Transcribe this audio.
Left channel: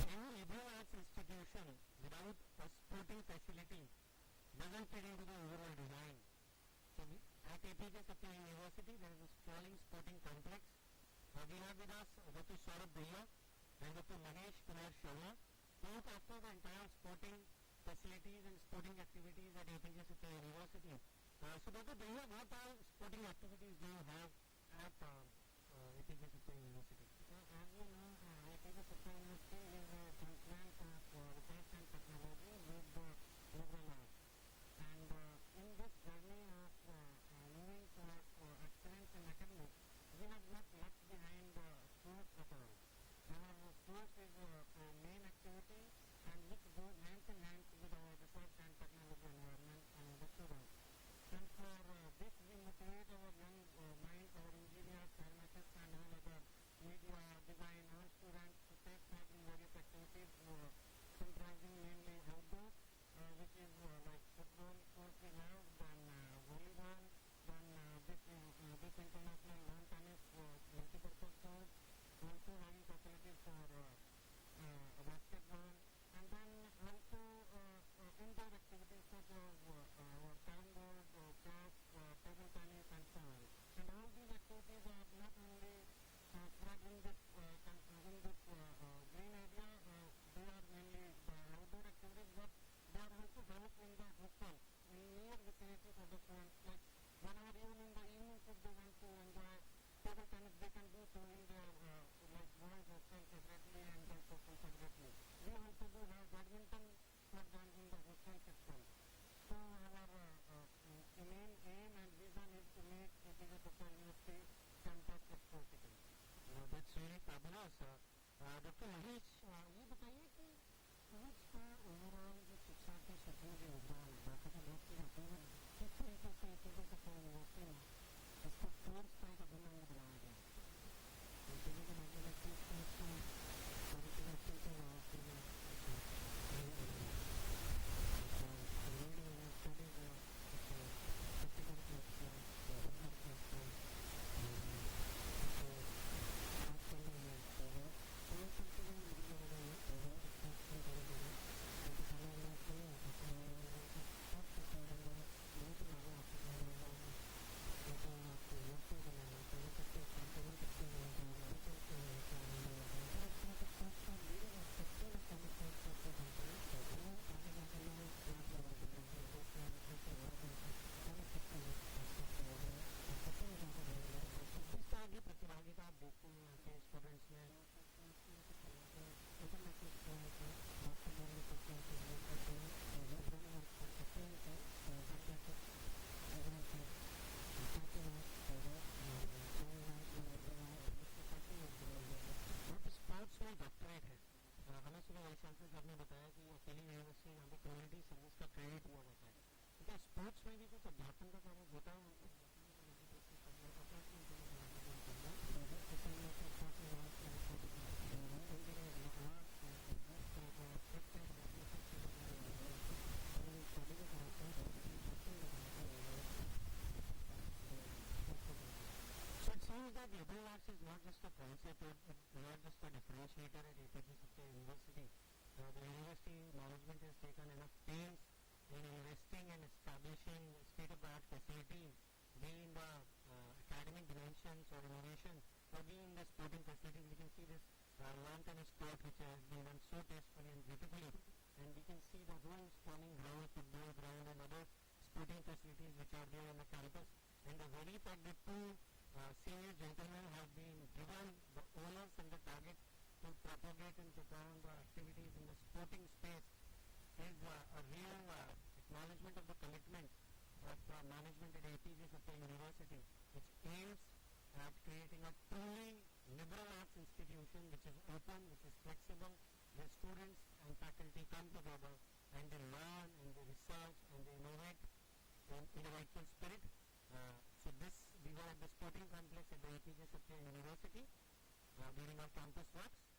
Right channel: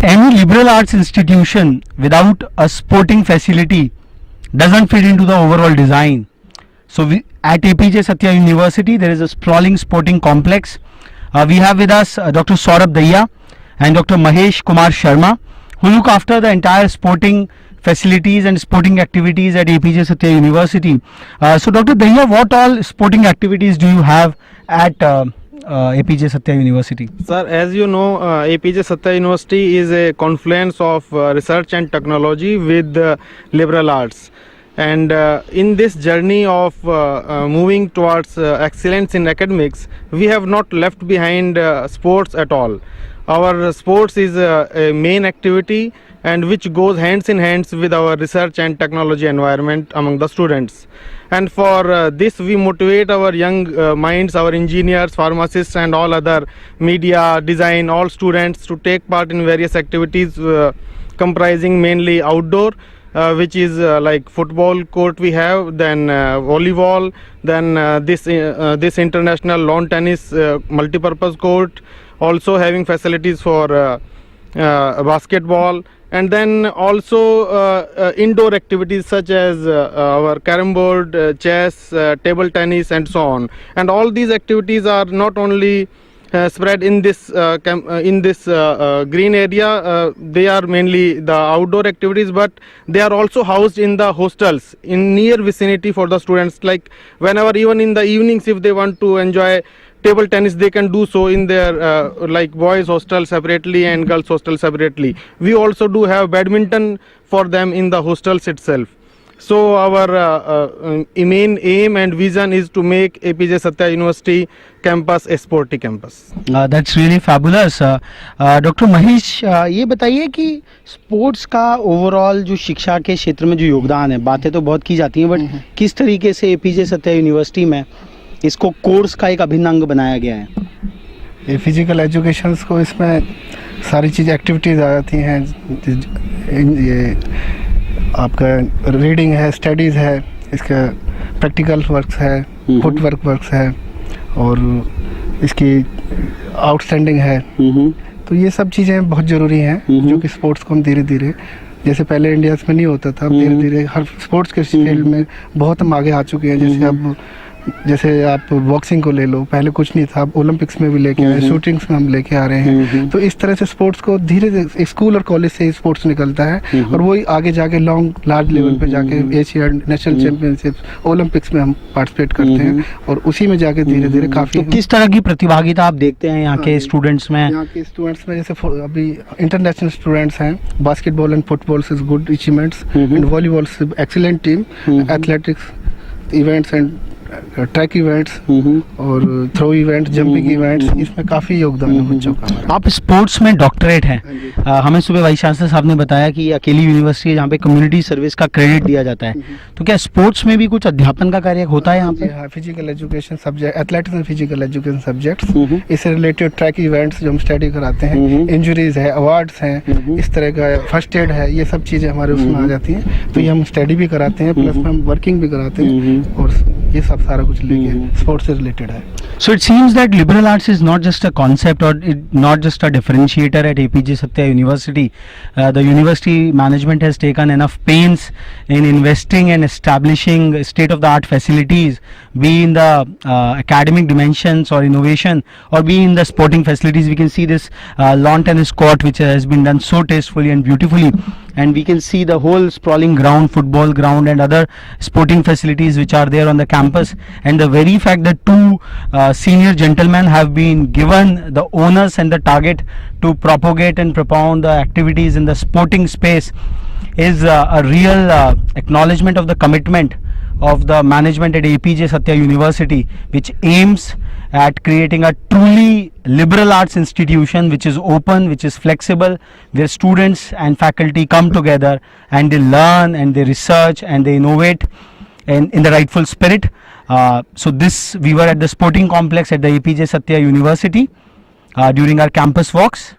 Any liberal arts institution without a sporting facility doesn't fit into the overall design. So at APJ Satya University there is a sprawling sporting complex. We have with us Dr. Saurabh Dahiya and Dr. Mahesh Kumar Sharma, who look after the entire sporting facilities and sporting activities at APJ Satya University. So Dr. Dahiya, what all sporting activities do you have at APJ Satya University? Sir, as you know, APJ Satya University is a confluence of research and technology with liberal arts. And in this journey of moving towards excellence in academics, we have not left behind sports at all. Our sports is a main activity and which goes hands in hands with our research and technology environment among the students. And for this we motivate our young minds, our engineers, pharmacists and all other media, design, all students to take part in various activities comprising mainly outdoor, which is like football court we have, then volleyball, then this international lawn tennis multi-purpose court, also having facilities for basketball, and then also indoor activities such as our carom board, chess, table tennis and so on. And all these activities are not only spread in this green area, they are mainly the outdoor activities, but they are also housed in the hostels in near vicinity for the students. Like whenever, even in the evenings, if they want to enjoy table tennis, they can do so in their like boys hostel separately and girls hostel separately. We also do have badminton for them in the hostels itself. So our main aim and vision is to make APJ Satya University campus a sporty campus. That's really fabulous. Doctor Mahesh, ये बताइए कि sports का overall जो शिक्षा के क्षेत्र में जो योगदान है, बातें तो बहुत की जाती हैं, बट किस तरीके से एपीजे सत्या यूनिवर्सिटी में इसको कोर्स का एक अभिन्न अंग बनाया गया है? ये फिजिकल एजुकेशन को इसमें सारी चीज़ एक्टिविटीज़ आ जाती हैं. ये आपका रीडिंग है, स्टडीज़ है, इसका प्रैक्टिकल वर्क्स है, फुट वर्क्स है और इसकी आउटस्टैंडिंग है. तो ये सब चीज़ें बहुत ज़रूरी हैं जो कि स्पोर्ट्स को हम धीरे धीरे, जैसे पहले इंडिया में नहीं होता था, धीरे धीरे हर स्पोर्ट्स के फील्ड में बहुत हम आगे आ चुके हैं. जैसे अब जैसे आप बॉक्सिंग को ले लो, पहले कुछ नहीं था, अब ओलंपिक्स में भी लेके आए, शूटिंग्स में हम लेके आ रहे हैं. तो इस तरह से स्पोर्ट्स को धीरे धीरे स्कूल और कॉलेज से ही स्पोर्ट्स निकलता है और वही आगे जाके लार्ज लेवल पे जाके एशिया नेशनल चैंपियनशिप, ओलंपिक्स में हम पार्टिसिपेट करते हैं और उसी में जाके धीरे धीरे काफ़ी. तो किस तरह की प्रतिभागिता आप देखते हैं यहाँ के स्टूडेंट्स में? यहाँ के स्टूडेंट्स में जैसे अभी इंटरनेशनल स्टूडेंट्स हैं, basketball and football is good achievements and volleyball excellent team, athletics events and track events और थ्रो इवेंट्स, जंपिंग इवेंट्स, इसमें काफ़ी योगदान है बच्चों का. आप स्पोर्ट्स में डॉक्टरेट हैं. हमें सुबह वाइस चांसलर साहब ने बताया कि ये अकेली यूनिवर्सिटी है जहाँ पे कम्युनिटी सर्विस का क्रेडिट दिया जाता है. तो क्या स्पोर्ट्स में भी कुछ अध्यापन का कार्य होता है यहाँ पे? Physical education subject, athletics and physical education subjects, इससे रिलेटेड ट्रैक इवेंट्स जो हम स्टडी कराते हैं, इंजरीज है, अवार्ड्स हैं, इस तरह का फर्स्ट एड है, ये सब चीज़ें हमारे उसमें आ जाती हैं. तो ये हम स्टडी भी कराते हैं, प्लस हम वर्किंग भी कराते हैं और ये सब सारा कुछ लेके स्पोर्ट्स से रिलेटेड है. So it seems that liberal arts is not just a concept or not just a differentiator at APJ Satya University. The university management has taken enough pains in investing and establishing state-of-the-art facilities, be in the academic dimensions or innovation, or be in the sporting facilities. We can see this lawn tennis court which has been done so tastefully and beautifully, and we can see the whole sprawling ground, football ground and other sporting facilities which are there on the campus. And the very fact that two senior gentlemen have been given the onus and the target to propagate and propound the activities in the sporting space is a real acknowledgement of the commitment of the management at APJ Satya University, which aims at creating a truly liberal arts institution which is open, which is flexible, where students and faculty come together and they learn and they research and they innovate in the rightful spirit. So we were at the sporting complex at the APJ Satya University during our campus walks.